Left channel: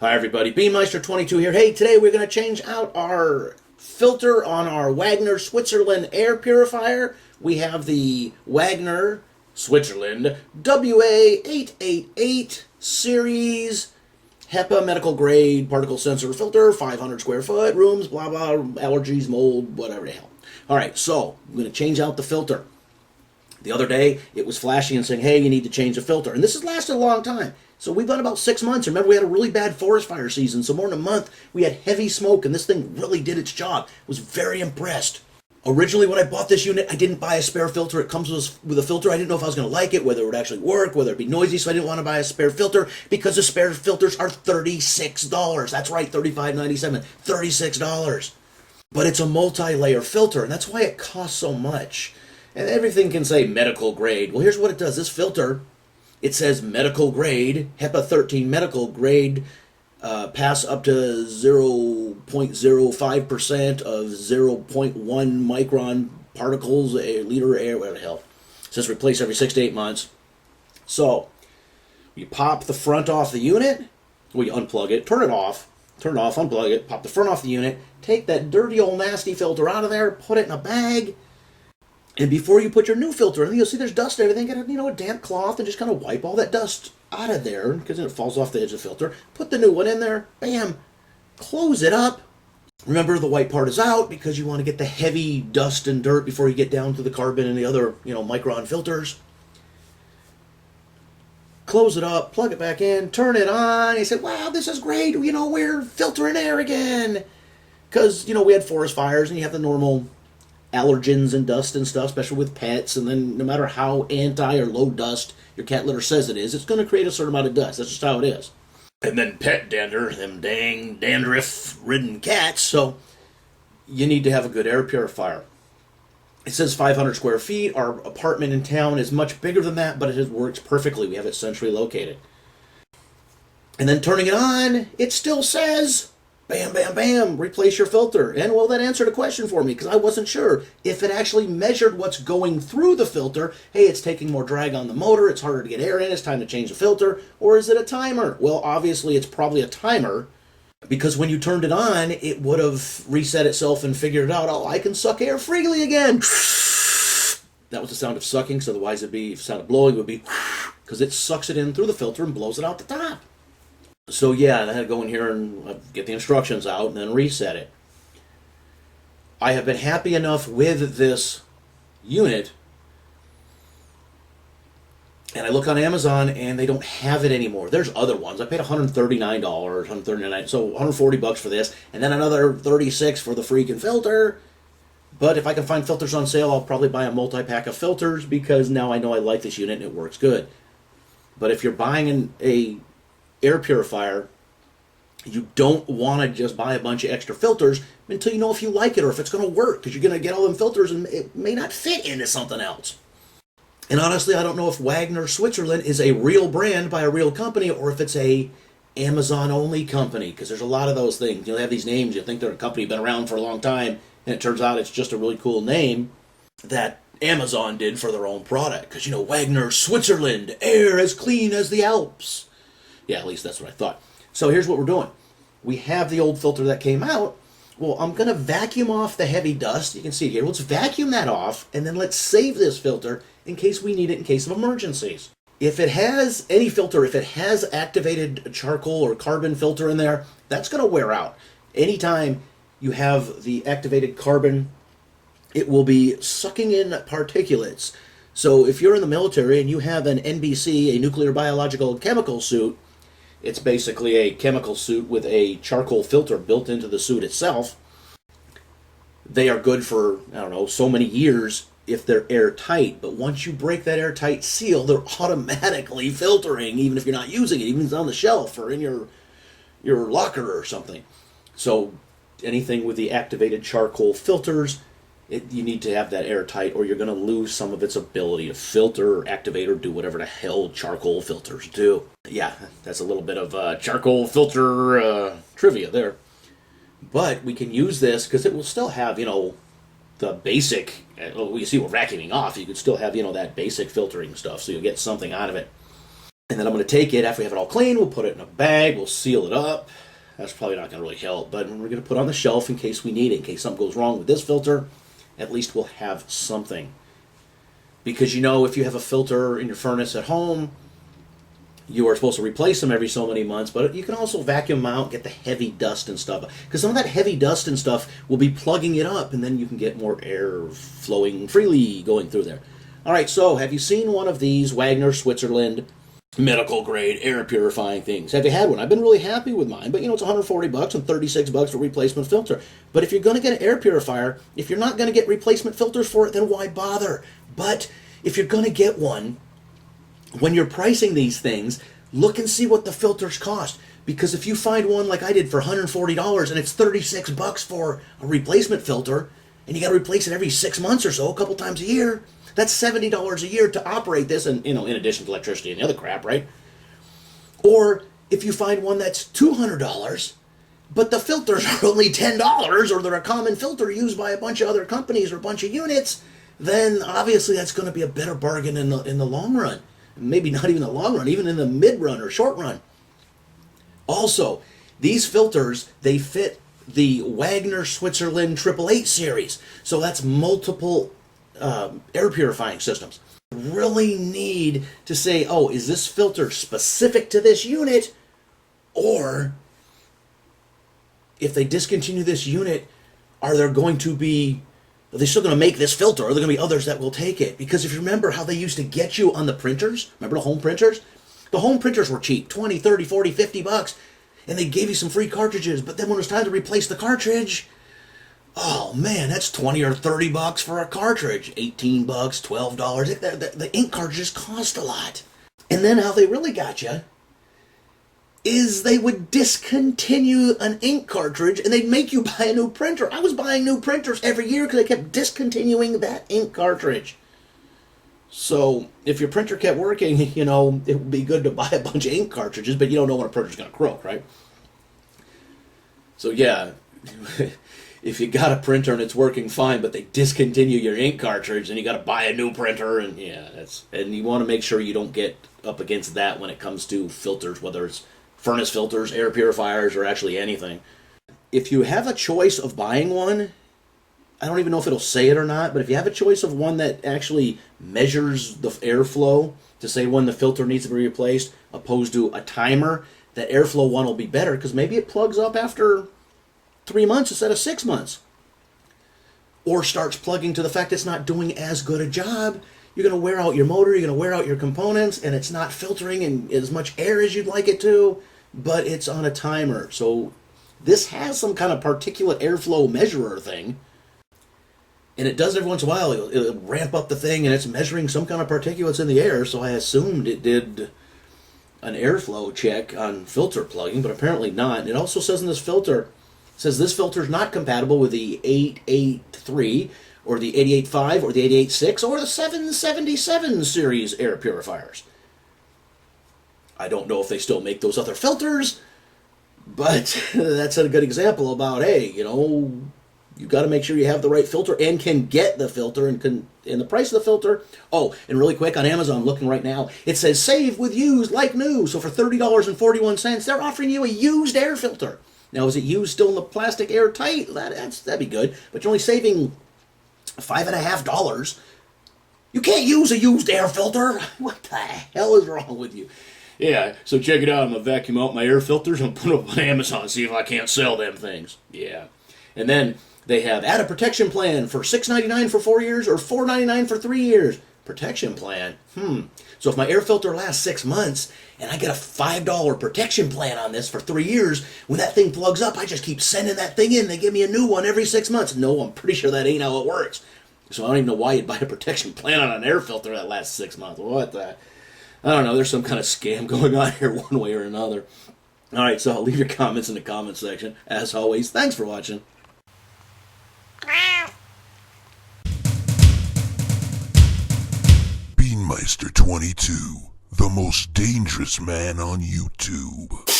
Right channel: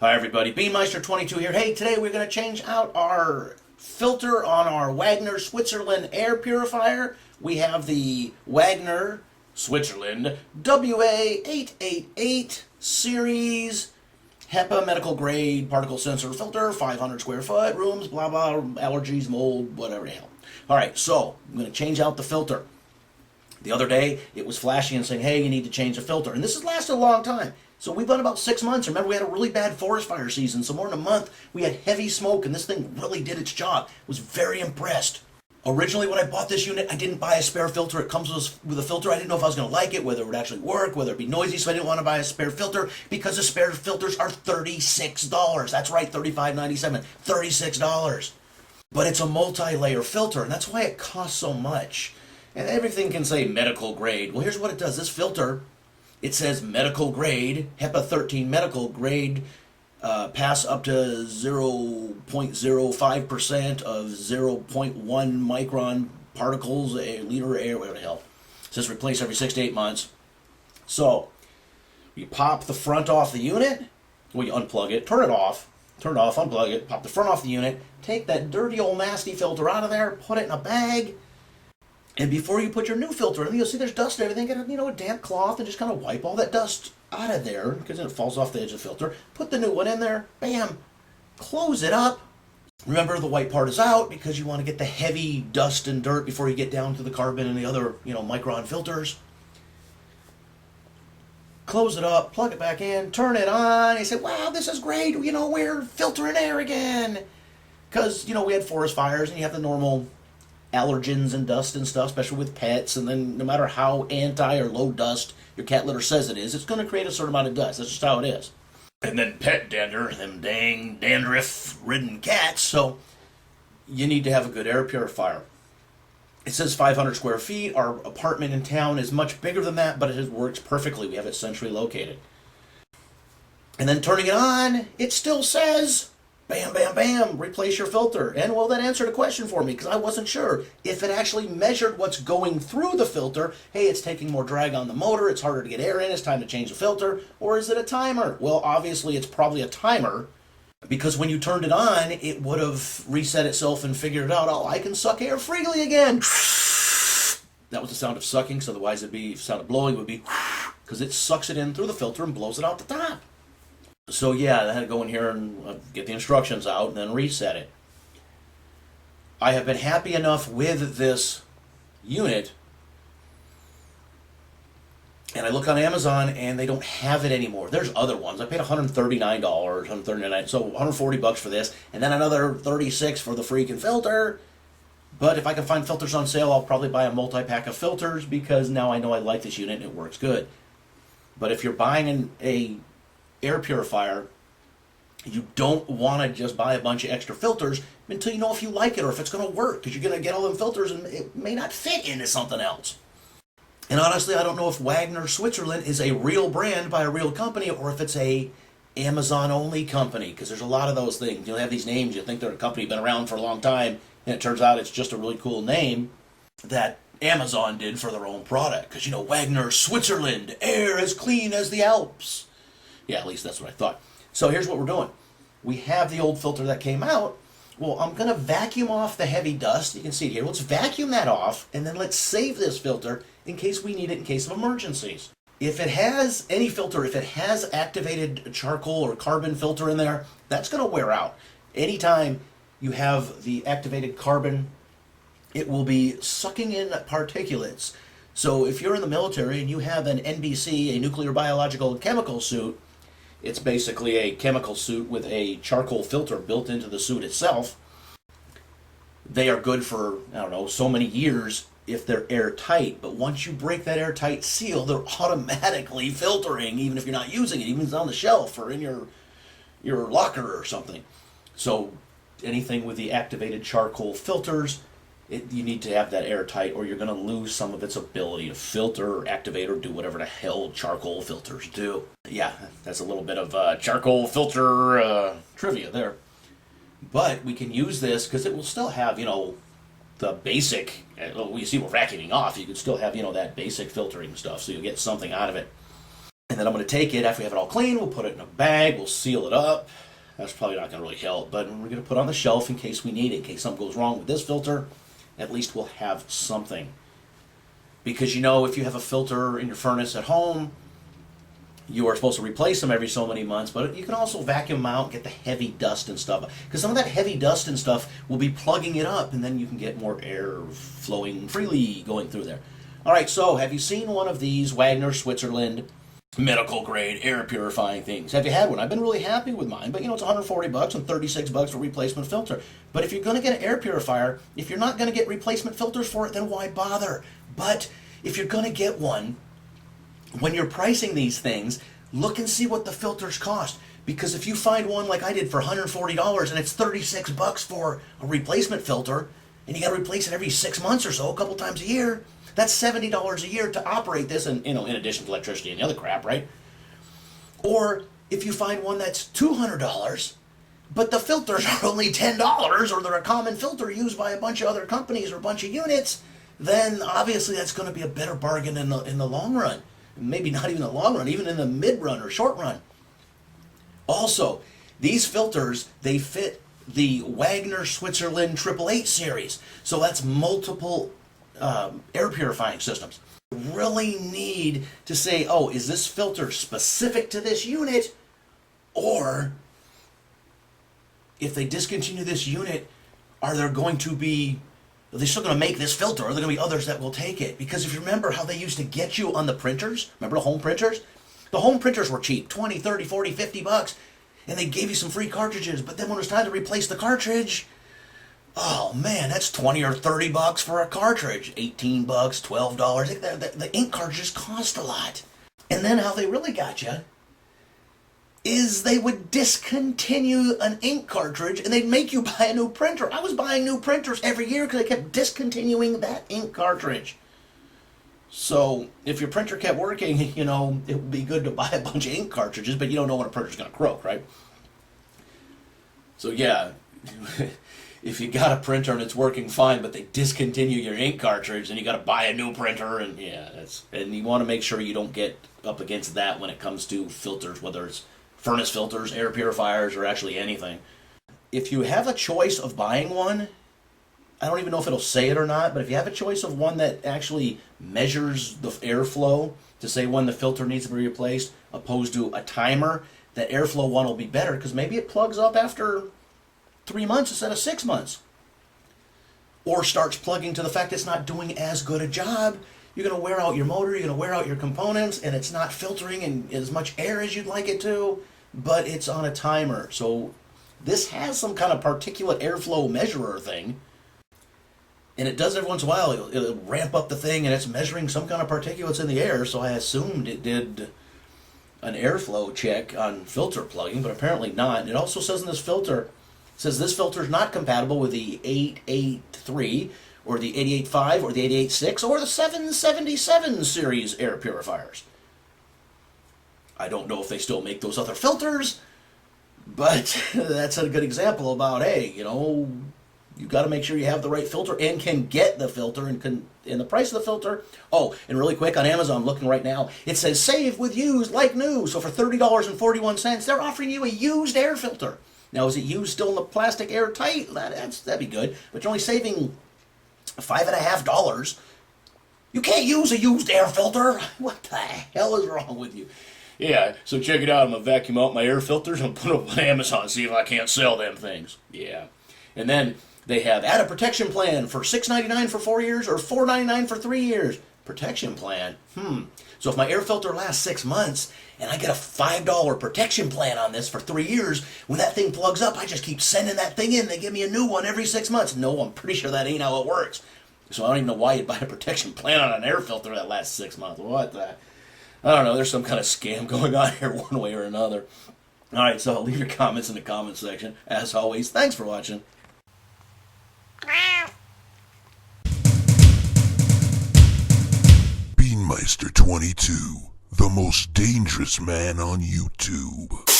Hi everybody, Beanmeister22 here. Hey, today we're going to change out our filter on our Wagner Switzerland Air Purifier. We have the Wagner Switzerland WA888 series HEPA medical grade particle sensor filter, 500 square foot, rooms, blah blah, allergies, mold, whatever the hell. Alright, so I'm going to change out the filter. The other day, it was flashing and saying, hey, you need to change the filter. And this has lasted a long time. So we've done about 6 months. Remember, we had a really bad forest fire season. So more than a month, we had heavy smoke, and this thing really did its job. I was very impressed. Originally, when I bought this unit, I didn't buy a spare filter. It comes with a filter. I didn't know if I was going to like it, whether it would actually work, whether it'd be noisy, so I didn't want to buy a spare filter because the spare filters are $36. That's right, $35.97, $36. But it's a multi-layer filter, and that's why it costs so much. And everything can say medical grade. Well, here's what it does. This filter, it says medical grade, HEPA-13 medical grade, pass up to 0.05% of 0.1 micron particles, a liter of air, whatever the hell. It says replace every 6 to 8 months. So, you pop the front off the unit, well, you unplug it, turn it off, unplug it, pop the front off the unit, take that dirty old nasty filter out of there, put it in a bag. And before you put your new filter in, you'll see there's dust and everything. Get a damp cloth and just kind of wipe all that dust out of there because then it falls off the edge of the filter. Put the new one in there. Bam. Close it up. Remember, the white part is out because you want to get the heavy dust and dirt before you get down to the carbon and the other, micron filters. Close it up. Plug it back in. Turn it on. You say, wow, this is great. We're filtering air again. Because, we had forest fires and you have the normal allergens and dust and stuff, especially with pets, and then no matter how anti or low dust your cat litter says it is, it's going to create a certain amount of dust. That's just how it is. And then pet dander, them dang dandruff-ridden cats, so you need to have a good air purifier. It says 500 square feet. Our apartment in town is much bigger than that, but it works perfectly. We have it centrally located. And then turning it on, it still says, bam, bam, bam, replace your filter. And, well, that answered a question for me because I wasn't sure if it actually measured what's going through the filter. Hey, it's taking more drag on the motor, it's harder to get air in, it's time to change the filter. Or is it a timer? Well, obviously, it's probably a timer because when you turned it on, it would have reset itself and figured out, oh, I can suck air freely again. That was the sound of sucking, so otherwise it'd be, if the sound of blowing would be because it sucks it in through the filter and blows it out the top. So yeah, I had to go in here and get the instructions out and then reset it. I have been happy enough with this unit, and I look on Amazon and they don't have it anymore. There's other ones. I paid $139, $139, so $140 for this, and then another $36 for the freaking filter. But if I can find filters on sale, I'll probably buy a multi-pack of filters because now I know I like this unit and it works good. But if you're buying a air purifier, you don't want to just buy a bunch of extra filters until you know if you like it or if it's going to work, because you're going to get all them filters and it may not fit into something else. And honestly, I don't know if Wagner Switzerland is a real brand by a real company or if it's a Amazon only company, because there's a lot of those things. They have these names, you think they're a company been around for a long time, and it turns out it's just a really cool name that Amazon did for their own product, because Wagner Switzerland, air as clean as the Alps. Yeah, at least that's what I thought. So here's what we're doing. We have the old filter that came out. Well, I'm going to vacuum off the heavy dust. You can see it here. Let's vacuum that off, and then let's save this filter in case we need it in case of emergencies. If it has any filter, if it has activated charcoal or carbon filter in there, that's going to wear out. Anytime you have the activated carbon, it will be sucking in particulates. So if you're in the military and you have an NBC, a nuclear biological chemical suit, it's basically a chemical suit with a charcoal filter built into the suit itself. They are good for, so many years if they're airtight. But once you break that airtight seal, they're automatically filtering, even if you're not using it, even if it's on the shelf or in your locker or something. So anything with the activated charcoal filters, you need to have that airtight or you're going to lose some of its ability to filter or activate or do whatever the hell charcoal filters do. Yeah, that's a little bit of charcoal filter trivia there. But we can use this because it will still have, the basic, you see we're vacuuming off, you could still have, that basic filtering stuff, so you'll get something out of it. And And then I'm going to take it, after we have it all clean, we'll put it in a bag, we'll seal it up. That's probably not going to really help, but we're going to put it on the shelf in case we need it, in case something goes wrong with this filter. At least we'll have something. Because you know, if you have a filter in your furnace at home, you are supposed to replace them every so many months, but you can also vacuum them out, get the heavy dust and stuff. Because some of that heavy dust and stuff will be plugging it up, and then you can get more air flowing freely going through there. All right, so have you seen one of these Wagner, Switzerland medical grade air purifying things? Have you had one? I've been really happy with mine, but you know, it's $140 and $36 for replacement filter. But if you're going to get an air purifier, if you're not going to get replacement filters for it, then why bother? But if you're going to get one, when you're pricing these things, look and see what the filters cost. Because if you find one like I did for $140 and it's $36 for a replacement filter, and you got to replace it every 6 months or so, a couple times a year, that's $70 a year to operate this, and you know, in addition to electricity and the other crap, right? Or if you find one that's $200, but the filters are only $10, or they're a common filter used by a bunch of other companies or a bunch of units, then obviously that's going to be a better bargain in the long run. Maybe not even the long run, even in the mid run or short run. Also, these filters, they fit the Wagner Switzerland 888 series. So that's multiple air purifying systems. Really need to say, oh, is this filter specific to this unit? Or if they discontinue this unit, are they still going to make this filter? Or are there going to be others that will take it? Because if you remember how they used to get you on the printers, remember the home printers? The home printers were cheap, 20, 30, 40, 50 bucks. And they gave you some free cartridges. But then when it was time to replace the cartridge, oh man, that's 20 or 30 bucks for a cartridge. 18 bucks, $12. The ink cartridges cost a lot. And then how they really got you is they would discontinue an ink cartridge and they'd make you buy a new printer. I was buying new printers every year because they kept discontinuing that ink cartridge. So if your printer kept working, you know, it would be good to buy a bunch of ink cartridges, but you don't know when a printer's going to croak, right? So yeah, if you got a printer and it's working fine, but they discontinue your ink cartridge, then you got to buy a new printer, and yeah, and you want to make sure you don't get up against that when it comes to filters, whether it's furnace filters, air purifiers, or actually anything. If you have a choice of buying one, I don't even know if it'll say it or not, but if you have a choice of one that actually measures the airflow to say when the filter needs to be replaced, opposed to a timer, that airflow one will be better, because maybe it plugs up after 3 months instead of 6 months. Or starts plugging to the fact it's not doing as good a job. You're going to wear out your motor, you're going to wear out your components, and it's not filtering in as much air as you'd like it to, but it's on a timer. So this has some kind of particulate airflow measurer thing, and it does every once in a while. It'll ramp up the thing, and it's measuring some kind of particulates in the air, so I assumed it did an airflow check on filter plugging, but apparently not. It also says in this filter, it says this filter is not compatible with the 883 or the 885 or the 886 or the 777 series air purifiers. I don't know if they still make those other filters, but that's a good example about, hey, you know, you got to make sure you have the right filter and can get the filter and the price of the filter. Oh, and really quick, on Amazon, I'm looking right now, it says save with used like new. So for $30.41, they're offering you a used air filter. Now, is it used still in the plastic airtight? That'd be good, but you're only saving $5.50. You can't use a used air filter. What the hell is wrong with you? Yeah, so check it out. I'm going to vacuum out my air filters and put them up on Amazon, see if I can't sell them things. Yeah. And then they have add a protection plan for $6.99 for 4 years or $4.99 for 3 years. Protection plan. So if my air filter lasts 6 months and I get a $5 protection plan on this for 3 years, when that thing plugs up, I just keep sending that thing in. They give me a new one every 6 months. No, I'm pretty sure that ain't how it works. So I don't even know why you'd buy a protection plan on an air filter that lasts 6 months. What the? I don't know. There's some kind of scam going on here one way or another. All right, so I'll leave your comments in the comment section. As always, thanks for watching. Beanmeister 22, the most dangerous man on YouTube.